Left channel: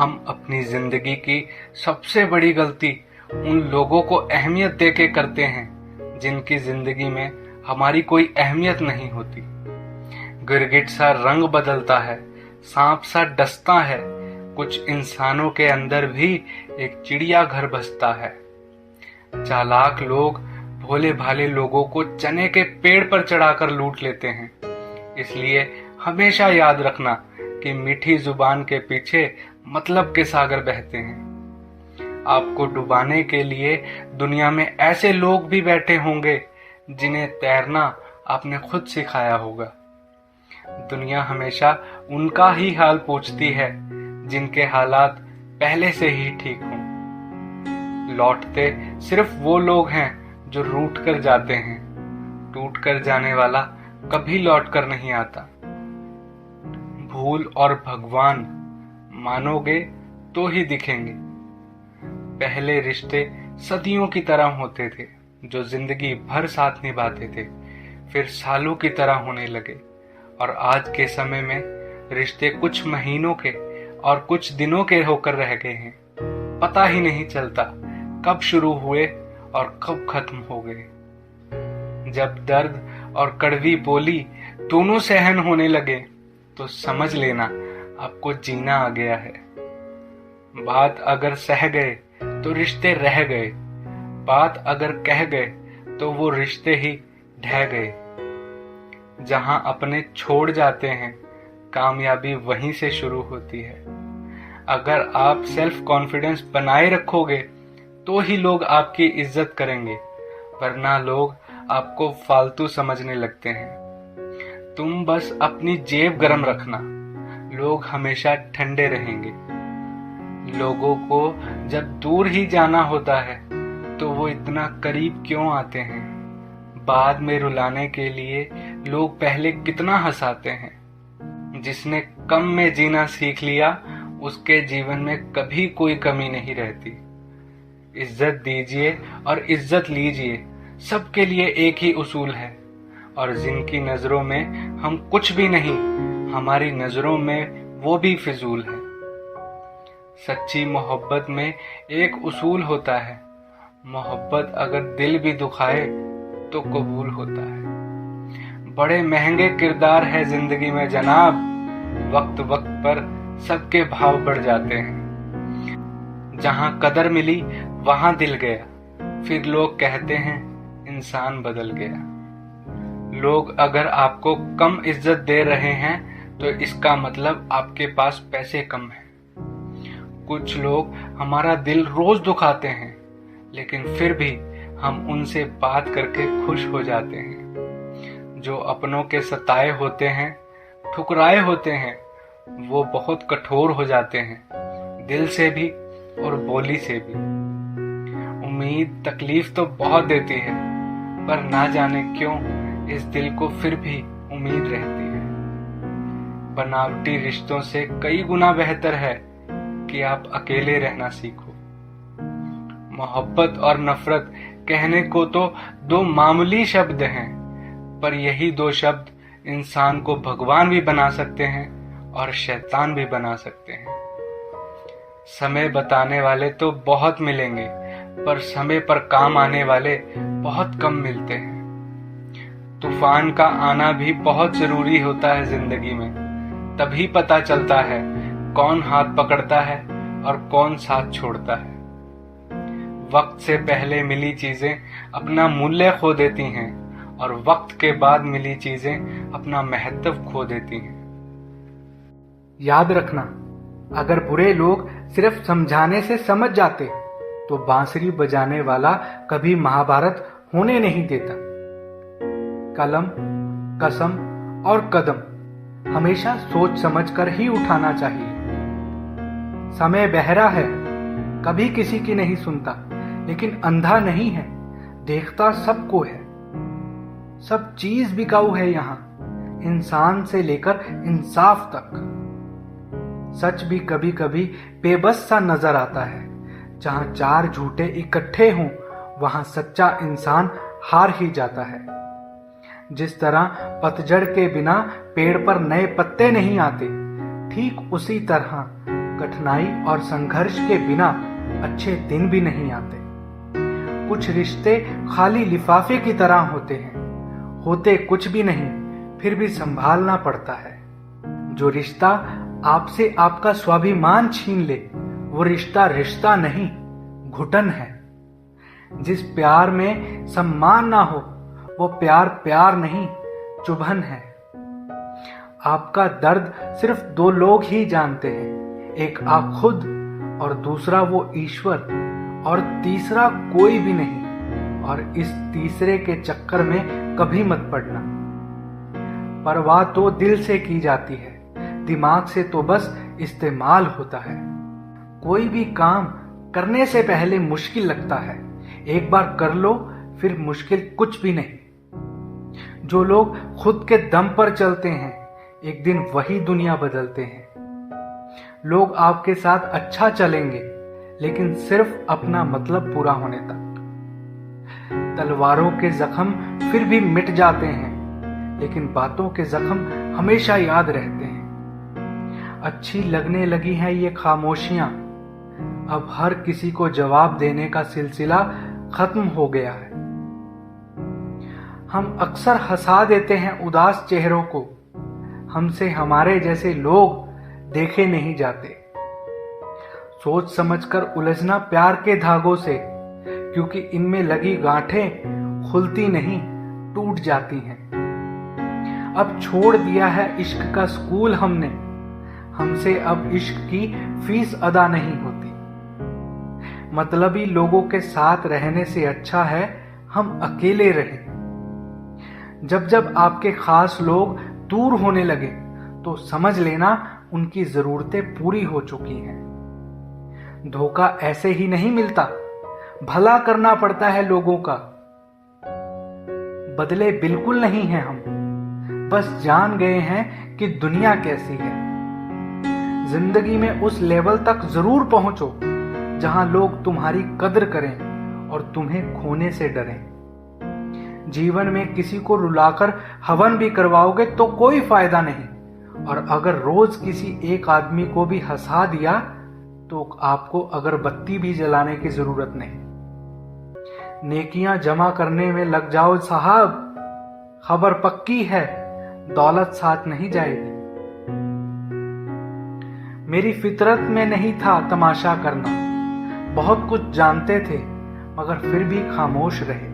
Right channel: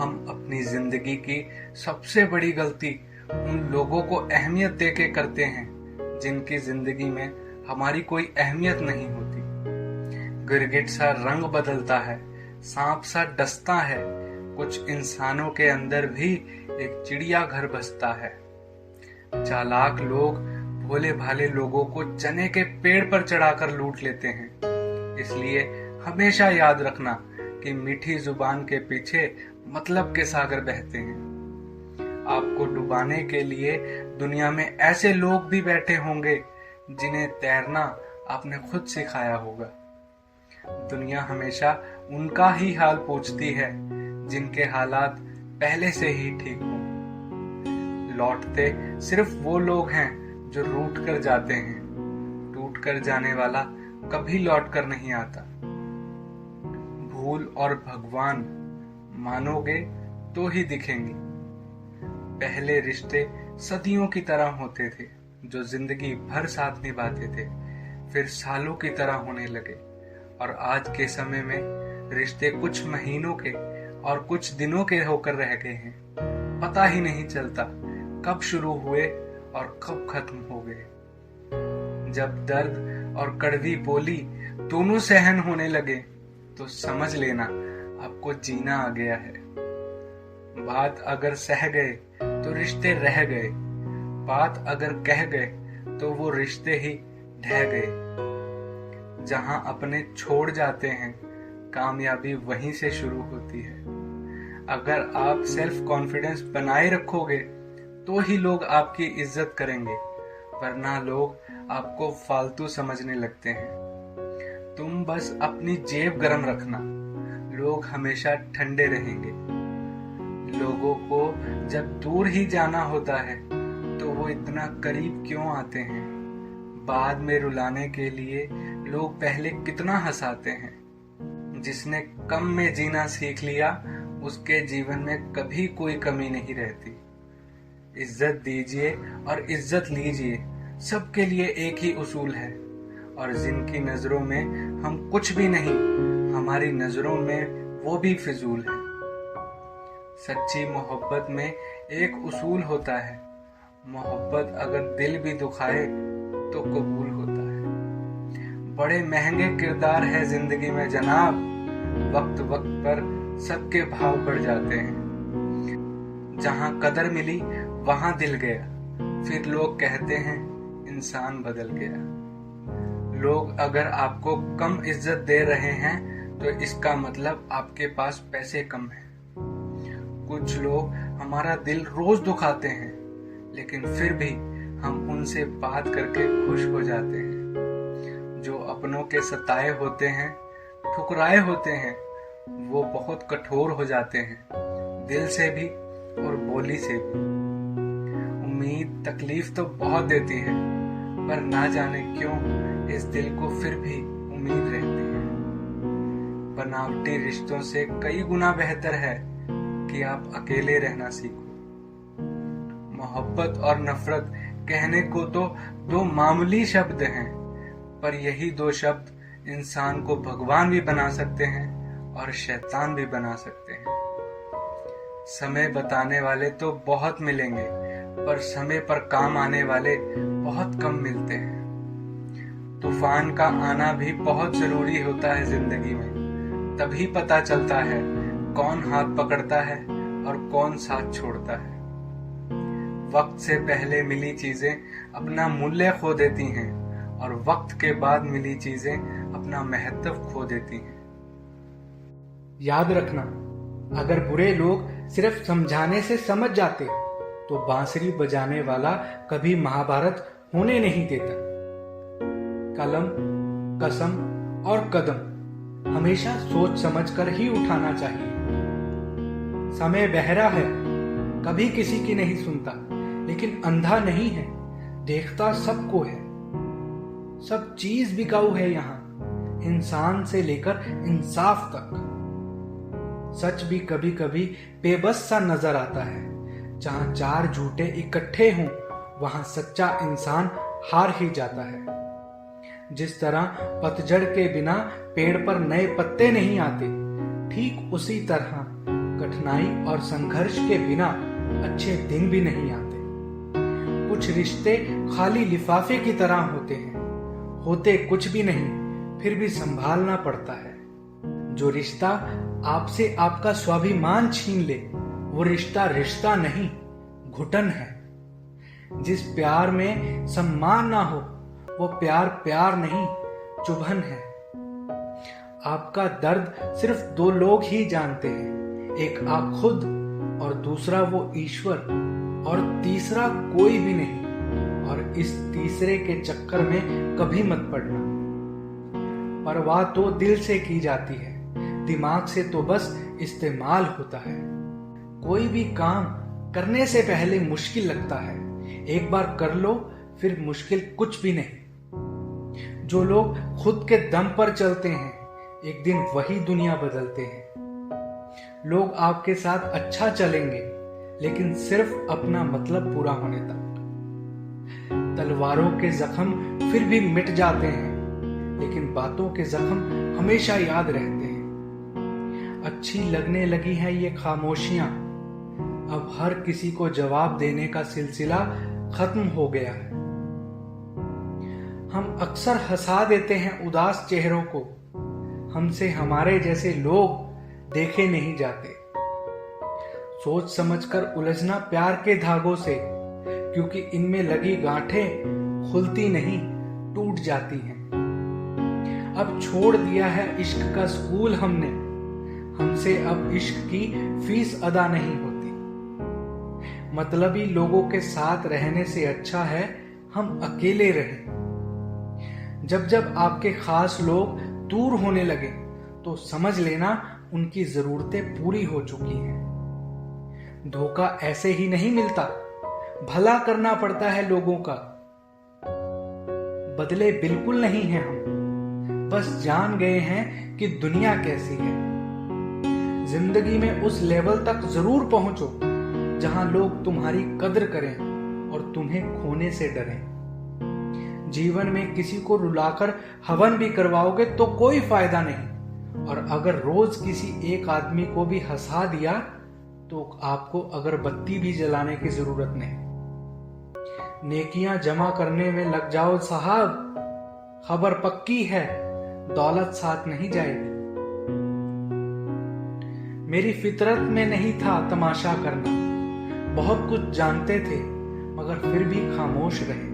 हम अपनी जिंदगी की सबसे बड़ी गलती उन लोगों को अहमियत देके करते हैं जिनकी जिंदगी में हमारी कोई अहमियत नहीं होती। गिरगिट सा रंग बदलता है, सांप सा डसता है, कुछ इंसानों के अंदर भी एक चिड़िया घर बसता है। चालाक लोग भोले भाले लोगों को चने के पेड़ पर चढ़ाकर लूट लेते हैं। इसलिए हमेशा याद रखना कि मीठी जुबान के पीछे मतलब के सागर बहते हैं। आपको डुबाने के लिए दुनिया में ऐसे लोग भी बैठे होंगे जिन्हें तैरना आपने खुद सिखाया होगा। दुनिया हमेशा उनका ही हाल पूछती है जिनके हालात पहले से ही ठीक हों। लौटते सिर्फ वो लोग हैं जो रूठ कर जाते हैं। टूट कर जाने वाला कभी लौट कर नहीं आता। भूल और भगवान मानोगे तो ही दिखेंगे। पहले रिश्ते सदियों की तरह होते थे जो जिंदगी भर साथ निभाते थे, फिर सालों की तरह होने लगे। और आज के समय में रिश्ते कुछ महीनों के और कुछ दिनों के होकर रह गए हैं। पता ही नहीं चलता कब शुरू हुए और कब खत्म हो गए। जब दर्द और कड़वी बोली दोनों सहन होने लगे तो समझ लेना आपको जीना आ गया है। बात अगर सह गए तो रिश्ते रह गए, बात अगर कह गए तो वो रिश्ते ही ढह गए। जहां अपने छोड़ जाते हैं कामयाबी वहीं से शुरू होती है। अगर आप सेल्फ कॉन्फिडेंस बनाए रखोगे तो ही लोग आपकी इज्जत करेंगे, वरना लोग आपको फालतू समझने लगते हैं। तुम बस अपनी जेब गरम रखना, लोग हमेशा ठंडे रहेंगे। लोगों को जब दूर ही जाना होता है तो वो इतना करीब क्यों आते हैं? बाद में रुलाने के लिए लोग पहले कितना हंसाते हैं। जिसने कम में जीना सीख लिया उसके जीवन में कभी कोई कमी नहीं रहती। इज्जत दीजिए और इज्जत लीजिए, सबके लिए एक ही उसूल है। और जिनकी नजरों में हम कुछ भी नहीं, हमारी नजरों में वो भी फिजूल है। सच्ची मोहब्बत में एक उसूल होता है, मोहब्बत अगर दिल भी दुखाए तो कबूल होता है। बड़े महंगे किरदार है जिंदगी में जनाब, वक्त वक्त पर सबके भाव बढ़ जाते हैं। जहां कदर मिली वहां दिल गया, फिर लोग कहते हैं इंसान बदल गया। लोग अगर आपको कम इज्जत दे रहे हैं तो इसका मतलब आपके पास पैसे कम हैं। कुछ लोग हमारा दिल रोज दुखाते हैं, लेकिन फिर भी हम उनसे बात करके खुश हो जाते हैं। जो अपनों के सताए होते हैं, ठुकराए होते हैं, वो बहुत कठोर हो जाते हैं, दिल से भी और बोली से भी। उम्मीद तकलीफ तो बहुत देती है, पर ना जाने क्यों इस दिल को फिर भी उम्मीद रहती है। बनावटी रिश्तों से कई गुना बेहतर है कि आप अकेले रहना सीखो। मोहब्बत और नफरत कहने को तो दो मामूली शब्द हैं, पर यही दो शब्द इंसान को भगवान भी बना सकते हैं और शैतान भी बना सकते हैं। समय बताने वाले तो बहुत मिलेंगे, पर समय पर काम आने वाले बहुत कम मिलते हैं। तूफान का आना भी बहुत जरूरी होता है जिंदगी में, तभी पता चलता है कौन हाथ पकड़ता है और कौन साथ छोड़ता है। वक्त से पहले मिली चीजें अपना मूल्य खो देती हैं और वक्त के बाद मिली चीजें अपना महत्व खो देती हैं। याद रखना, अगर बुरे लोग सिर्फ समझाने से समझ जाते तो बांसुरी बजाने वाला कभी महाभारत होने नहीं देता। कलम, कसम और कदम हमेशा सोच समझकर ही उठाना चाहिए। समय बहरा है, कभी किसी की नहीं सुनता, लेकिन अंधा नहीं है, देखता सबको है। सब चीज बिकाऊ है यहाँ, इंसान से लेकर इंसाफ तक। सच भी कभी कभी बेबस सा नजर आता है। जहां चार झूठे इकट्ठे हों वहां सच्चा इंसान हार ही जाता है। जिस तरह पतझड़ के बिना पेड़ पर नए पत्ते नहीं आते, ठीक उसी तरह कठिनाई और संघर्ष के बिना अच्छे दिन भी नहीं आते। कुछ रिश्ते खाली लिफाफे की तरह होते हैं, होते कुछ भी नहीं, फिर भी संभालना पड़ता है। जो रिश्ता आपसे आपका स्वाभिमान छीन ले, वो रिश्ता रिश्ता नहीं, घुटन है। जिस प्यार में सम्मान ना हो, वो प्यार प्यार नहीं, चुभन है। आपका दर्द सिर्फ दो लोग ही जानते हैं, एक आप खुद और दूसरा वो ईश्वर, और तीसरा कोई भी नहीं। और इस तीसरे के चक्कर में कभी मत पड़ना। परवाह तो दिल से की जाती है, दिमाग से तो बस इस्तेमाल होता है। कोई भी काम करने से पहले मुश्किल लगता है, एक बार कर लो फिर मुश्किल कुछ भी नहीं। जो लोग खुद के दम पर चलते हैं, एक दिन वही दुनिया बदलते हैं। लोग आपके साथ अच्छा चलेंगे, लेकिन सिर्फ अपना मतलब पूरा होने तक। तलवारों के जख्म फिर भी मिट जाते हैं, लेकिन बातों के जख्म हमेशा याद रहते हैं। अच्छी लगने लगी हैं ये खामोशियां, अब हर किसी को जवाब देने का सिलसिला खत्म हो गया है। हम अक्सर हंसा देते हैं उदास चेहरों को, हमसे हमारे जैसे लोग देखे नहीं जाते। सोच समझकर उलझना प्यार के धागों से, क्योंकि इनमें लगी गांठें खुलती नहीं, टूट जाती हैं। अब छोड़ दिया है इश्क का स्कूल हमने, हमसे अब इश्क की फीस अदा नहीं होती। मतलबी लोगों के साथ रहने से अच्छा है हम अकेले रहें। जब जब आपके खास लोग दूर होने लगे, तो समझ लेना उनकी जरूरतें पूरी हो चुकी हैं। धोखा ऐसे ही नहीं मिलता, भला करना पड़ता है लोगों का। बदले बिल्कुल नहीं हैं हम, बस जान गए हैं कि दुनिया कैसी है। जिंदगी में उस लेवल तक जरूर पहुंचो जहां लोग तुम्हारी कद्र करें और तुम्हें खोने से डरें। जीवन में किसी को रुलाकर हवन भी करवाओगे तो कोई फायदा नहीं, और अगर रोज किसी एक आदमी को भी हंसा दिया तो आपको अगरबत्ती भी जलाने की जरूरत नहीं। नेकियां जमा करने में लग जाओ साहब, खबर पक्की है दौलत साथ नहीं जाएगी। मेरी फितरत में नहीं था तमाशा करना, बहुत कुछ जानते थे मगर फिर भी खामोश रहे।